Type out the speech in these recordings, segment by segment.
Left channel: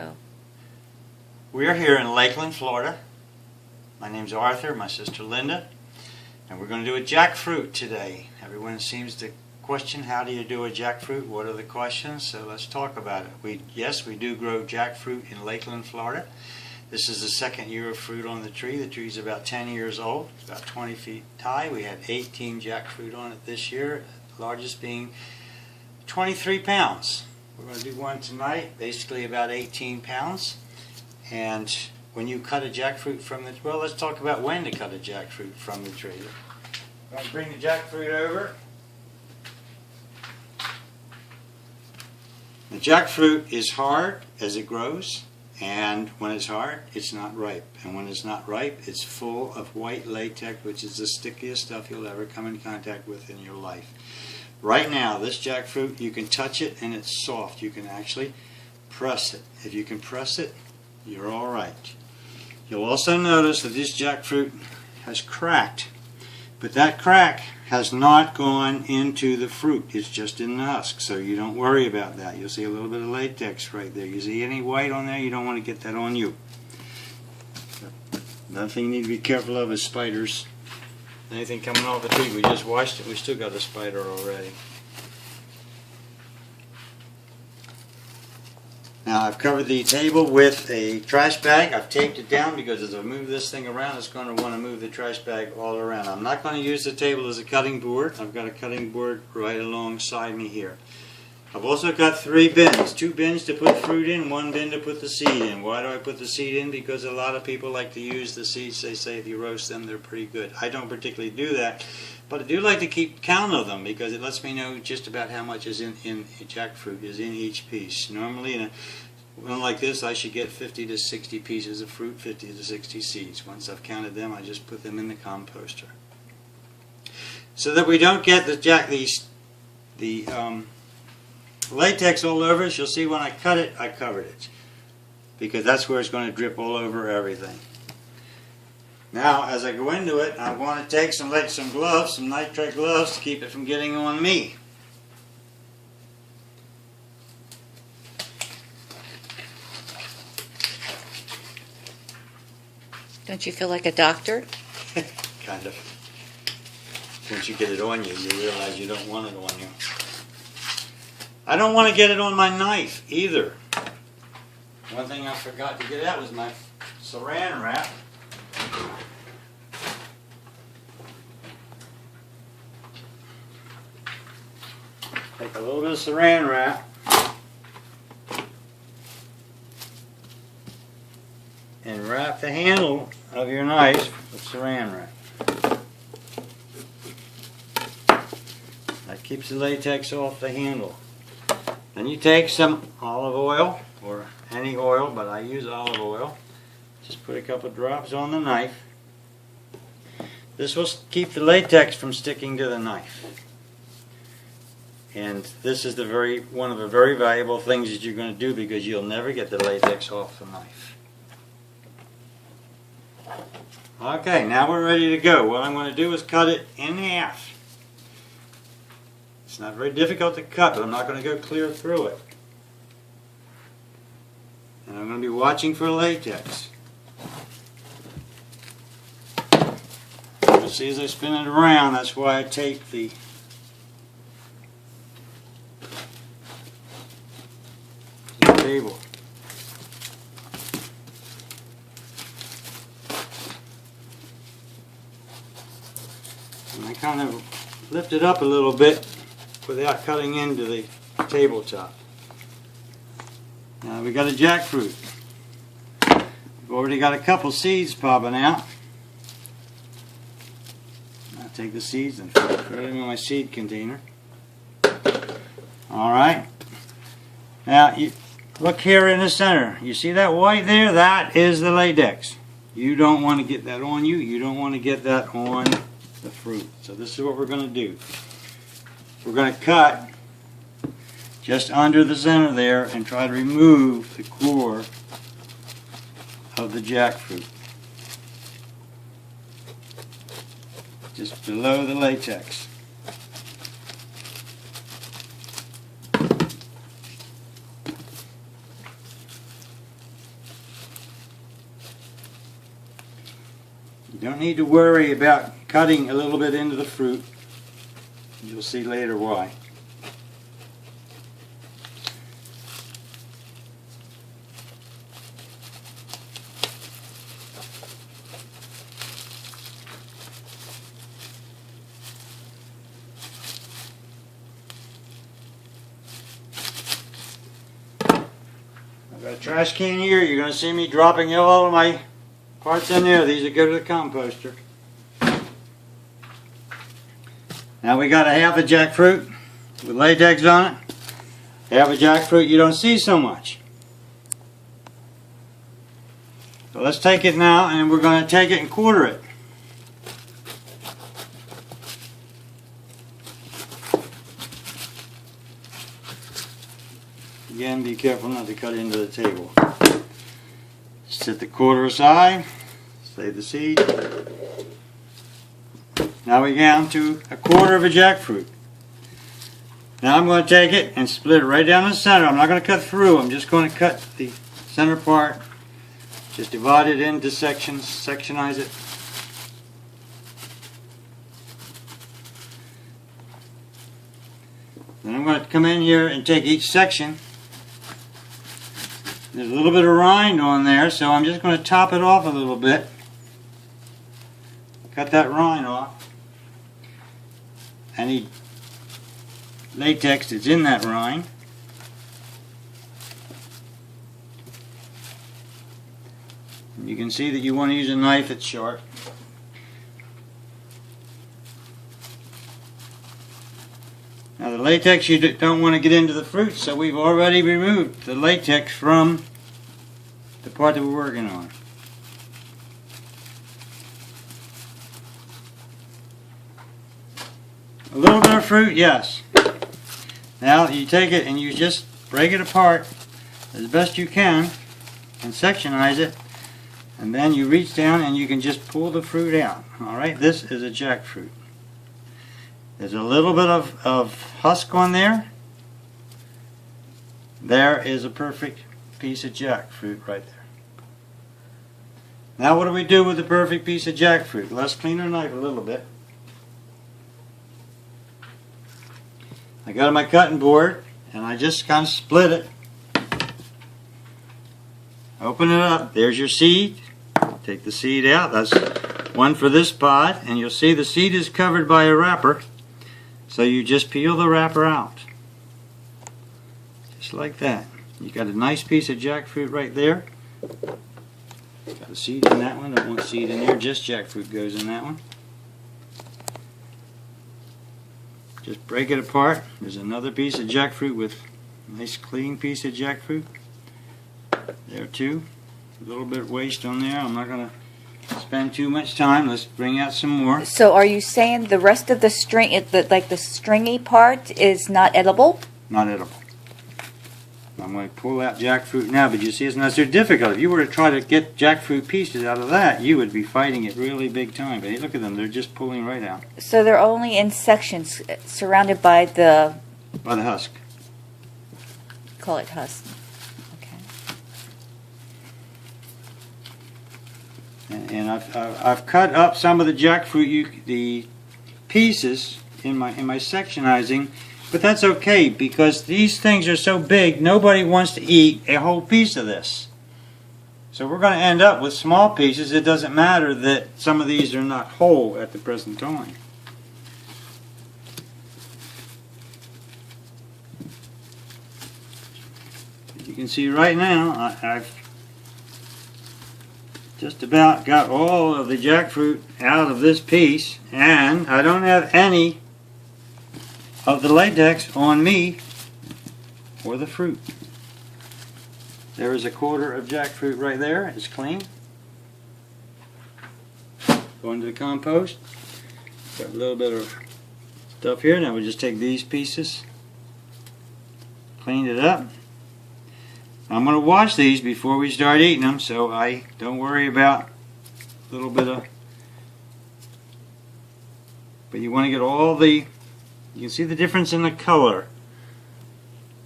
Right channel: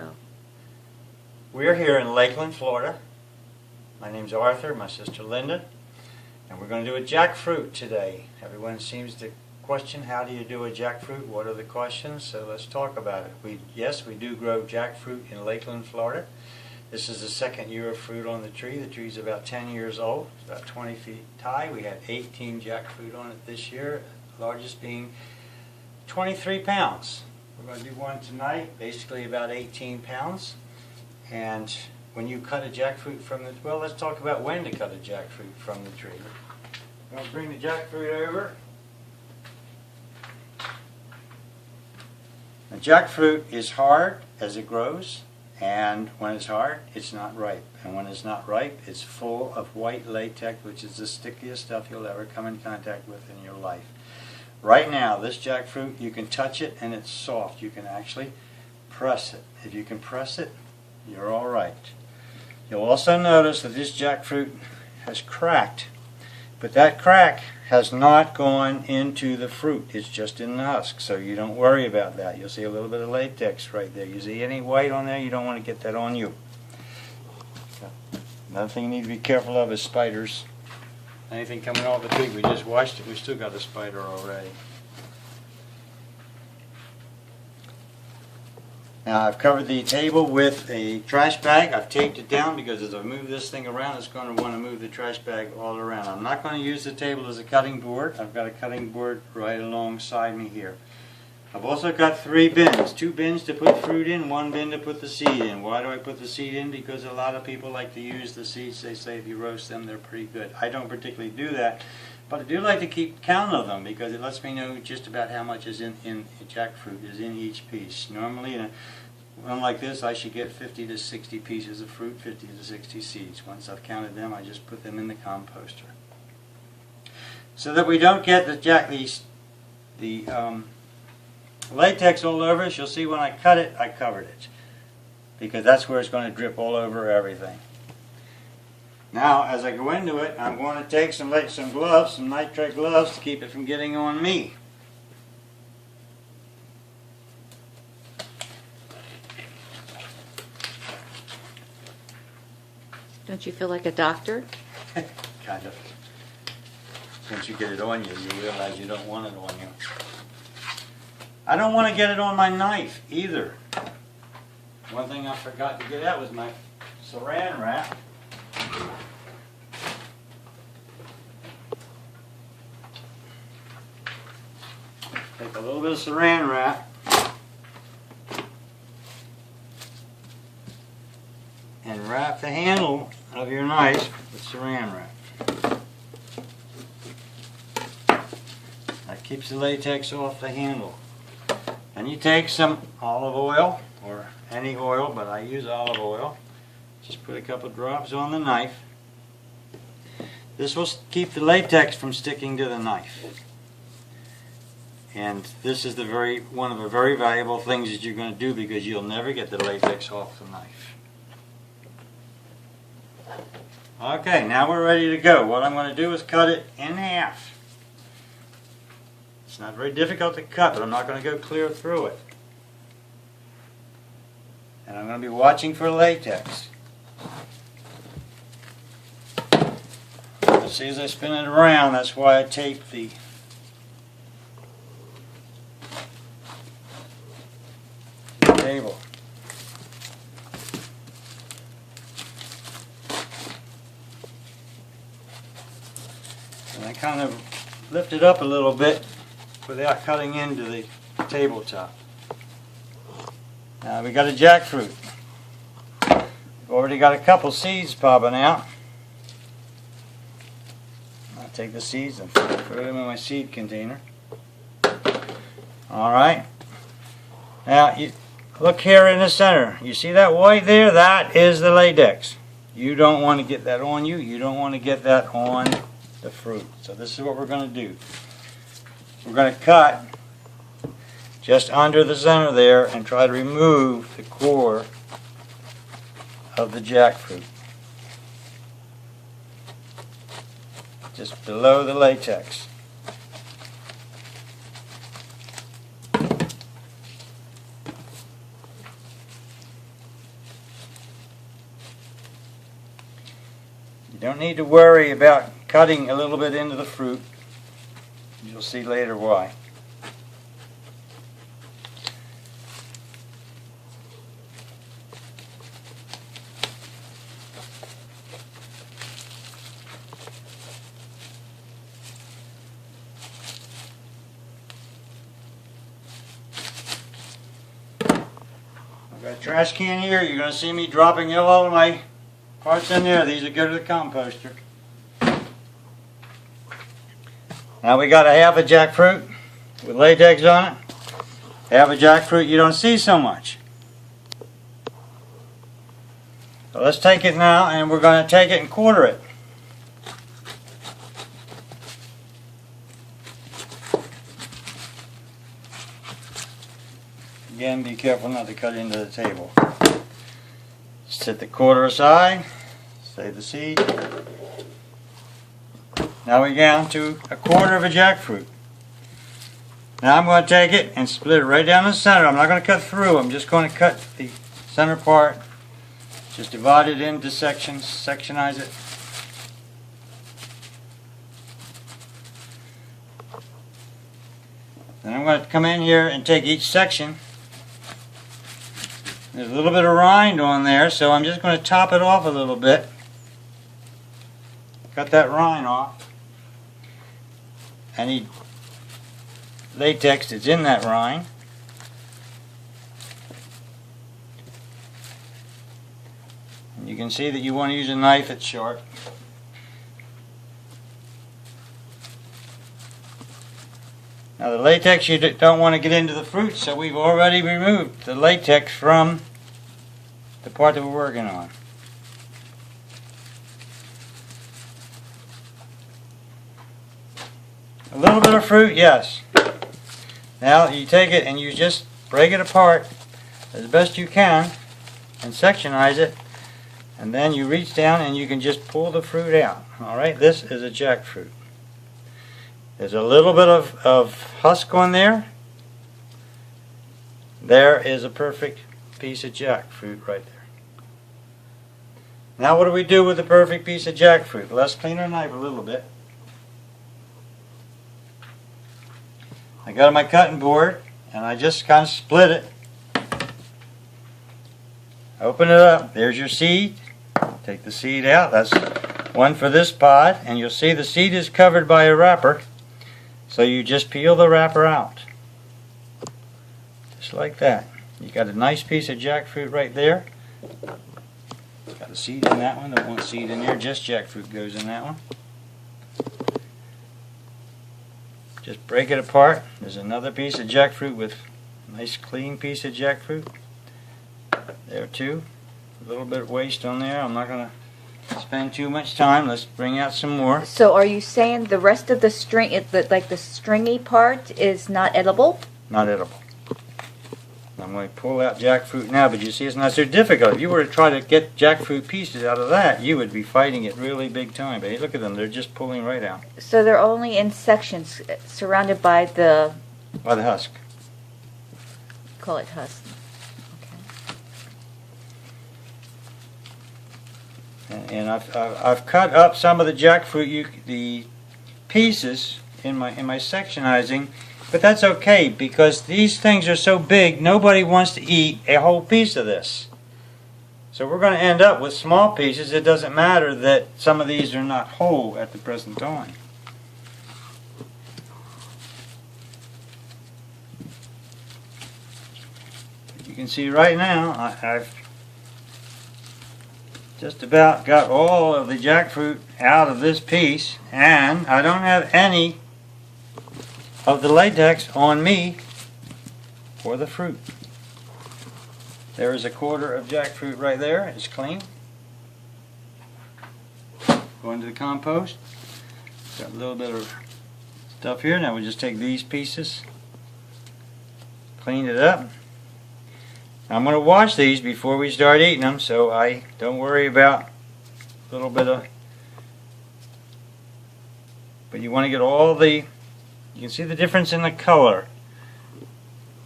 Oh. We're here in Lakeland, Florida. My name's Arthur, my sister Linda, and we're going to do a jackfruit today. Everyone seems to question, how do you do a jackfruit? What are the questions? So let's talk about it. Yes, we do grow jackfruit in Lakeland, Florida. This is the second year of fruit on the tree. The tree's about 10 years old. It's about 20 feet high. We had 18 jackfruit on it this year, the largest being 23 pounds. We're going to do one tonight, basically about 18 pounds. And when you cut a jackfruit from the, well, let's talk about when to cut a jackfruit from the tree. I'm going to bring the jackfruit over. The jackfruit is hard as it grows, and when it's hard, it's not ripe. And when it's not ripe, it's full of white latex, which is the stickiest stuff you'll ever come in contact with in your life. Right now, this jackfruit, you can touch it and it's soft. You can actually press it. If you can press it, you're all right. You'll also notice that this jackfruit has cracked, but that crack has not gone into the fruit. It's just in the husk, so you don't worry about that. You'll see a little bit of latex right there. You see any white on there, you don't want to get that on you. Another thing you need to be careful of is spiders. Anything coming off the tree, we just washed it, we still got a spider already. Now I've covered the table with a trash bag. I've taped it down because as I move this thing around, it's going to want to move the trash bag all around. I'm not going to use the table as a cutting board. I've got a cutting board right alongside me here. I've also got 3 bins. 2 bins to put fruit in, 1 bin to put the seed in. Why do I put the seed in? Because a lot of people like to use the seeds. They say if you roast them, they're pretty good. I don't particularly do that, but I do like to keep count of them because it lets me know just about how much is in jackfruit is in each piece. Normally in a one like this, I should get 50 to 60 pieces of fruit, 50 to 60 seeds. Once I've counted them, I just put them in the composter. So that we don't get the latex all over us. You'll see when I cut it, I covered it, because that's where it's going to drip all over everything. Now, as I go into it, I'm going to take some gloves, some nitrate gloves, to keep it from getting on me. Don't you feel like a doctor? Kind of. Once you get it on you, you realize you don't want it on you. I don't want to get it on my knife either. One thing I forgot to get out was my saran wrap. Take a little bit of saran wrap and wrap the handle of your knife with saran wrap. That keeps the latex off the handle. Then you take some olive oil, or any oil, but I use olive oil. Just put a couple drops on the knife. This will keep the latex from sticking to the knife. And this is one of the very valuable things that you're going to do, because you'll never get the latex off the knife. Okay, now we're ready to go. What I'm going to do is cut it in half. It's not very difficult to cut, but I'm not going to go clear through it. And I'm going to be watching for latex. You'll see as I spin it around, that's why I tape the table. And I kind of lift it up a little bit without cutting into the tabletop. Now we got a jackfruit. We've already got a couple seeds popping out. I'll take the seeds and put them in my seed container. Alright. Now you look here in the center. You see that white there? That is the latex. You don't want to get that on you. You don't want to get that on the fruit. So this is what we're going to do. We're going to cut just under the center there and try to remove the core of the jackfruit. Just below the latex. You don't need to worry about cutting a little bit into the fruit. You'll see later why. I've got a trash can here. You're going to see me dropping all of my parts in there. These are go to the composter. Now we got a half a jackfruit with latex on it. Half a jackfruit you don't see so much. So let's take it now and we're going to take it and quarter it. Again, be careful not to cut into the table. Set the quarter aside, save the seed. Now we're down to a quarter of a jackfruit. Now I'm going to take it and split it right down the center. I'm not going to cut through, I'm just going to cut the center part. Just divide it into sections, sectionize it. Then I'm going to come in here and take each section. There's a little bit of rind on there, so I'm just going to top it off a little bit. Cut that rind off. Any latex that's in that rind. And you can see that you want to use a knife that's sharp. Now the latex you don't want to get into the fruit, so we've already removed the latex from the part that we're working on. A little bit of fruit, yes. Now you take it and you just break it apart as best you can and sectionize it, and then you reach down and you can just pull the fruit out. Alright, this is a jackfruit. There's a little bit of husk on there. There is a perfect piece of jackfruit right there. Now what do we do with the perfect piece of jackfruit? Let's clean our knife a little bit. I got my cutting board and I just kind of split it. Open it up. There's your seed. Take the seed out. That's one for this pod, and you'll see the seed is covered by a wrapper. So you just peel the wrapper out. Just like that. You got a nice piece of jackfruit right there. Got a seed in that one. Don't want seed in there. Just jackfruit goes in that one. Just break it apart. There's another piece of jackfruit with a nice clean piece of jackfruit. There too. A little bit of waste on there. I'm not going to spend too much time. Let's bring out some more. So are you saying the rest of the string, like the stringy part, is not edible? Not edible. I'm going to pull out jackfruit now, but you see it's not so difficult. If you were to try to get jackfruit pieces out of that, you would be fighting it really big time. But hey, look at them. They're just pulling right out. So they're only in sections surrounded by the... By the husk. Call it husk. And I've cut up some of the jackfruit, the pieces in my sectionizing, but that's okay because these things are so big. Nobody wants to eat a whole piece of this. So we're going to end up with small pieces. It doesn't matter that some of these are not whole at the present time. You can see right now I've just about got all of the jackfruit out of this piece, and I don't have any of the latex on me for the fruit. There is a quarter of jackfruit right there. It's clean. Go into the compost. Got a little bit of stuff here. Now we just take these pieces, cleaned it up. I'm going to wash these before we start eating them, so I don't worry about a little bit of... But you want to get all the... You can see the difference in the color.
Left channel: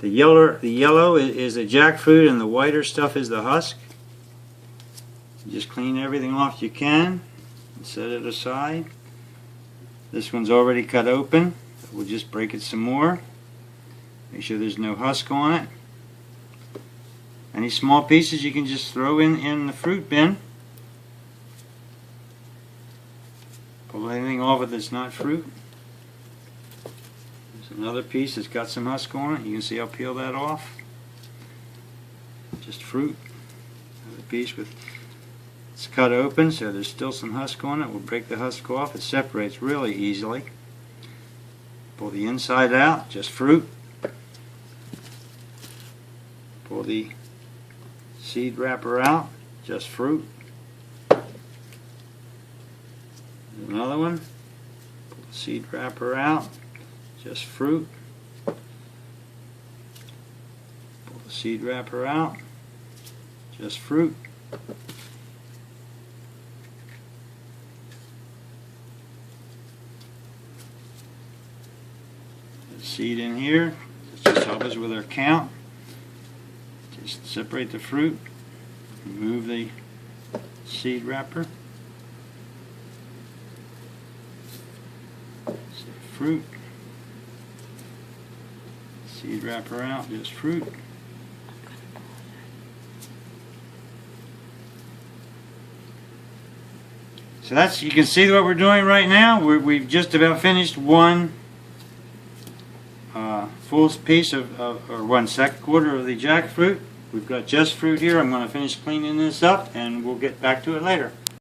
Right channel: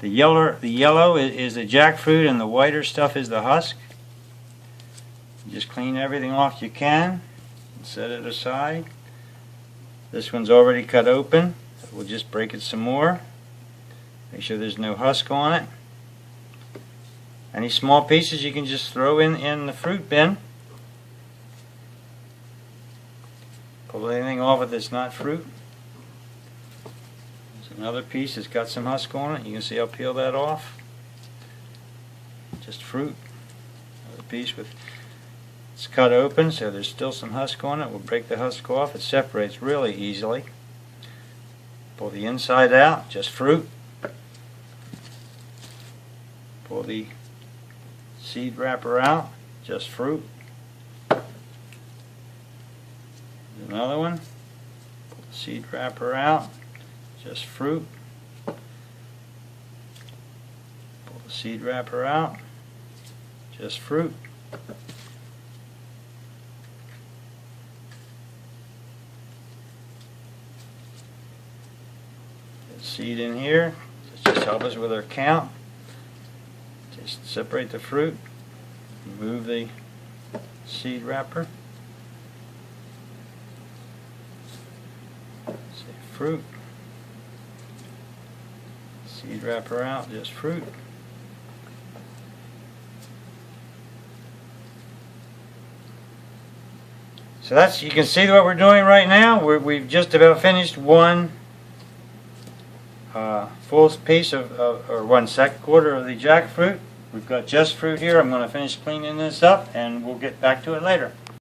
The yellow is the jackfruit, and the whiter stuff is the husk. Just clean everything off you can. and set it aside. This one's already cut open. We'll just break it some more. Make sure there's no husk on it. Any small pieces you can just throw in the fruit bin. Pull anything off it that's not fruit. There's another piece that's got some husk on it. You can see I'll peel that off. Just fruit. Another piece with it's cut open, so there's still some husk on it. We'll break the husk off. It separates really easily. Pull the inside out, just fruit. Pull the seed wrapper out, just fruit. Another one. Pull the seed wrapper out, just fruit. Pull the seed wrapper out, just fruit. Seed in here. Just help us with our count. Just separate the fruit. Remove the seed wrapper. So fruit. Seed wrapper out, just fruit. So that's, you can see what we're doing right now. We've just about finished one full piece or 1/2 quarter of the jackfruit. We've got just fruit here. I'm going to finish cleaning this up and we'll get back to it later.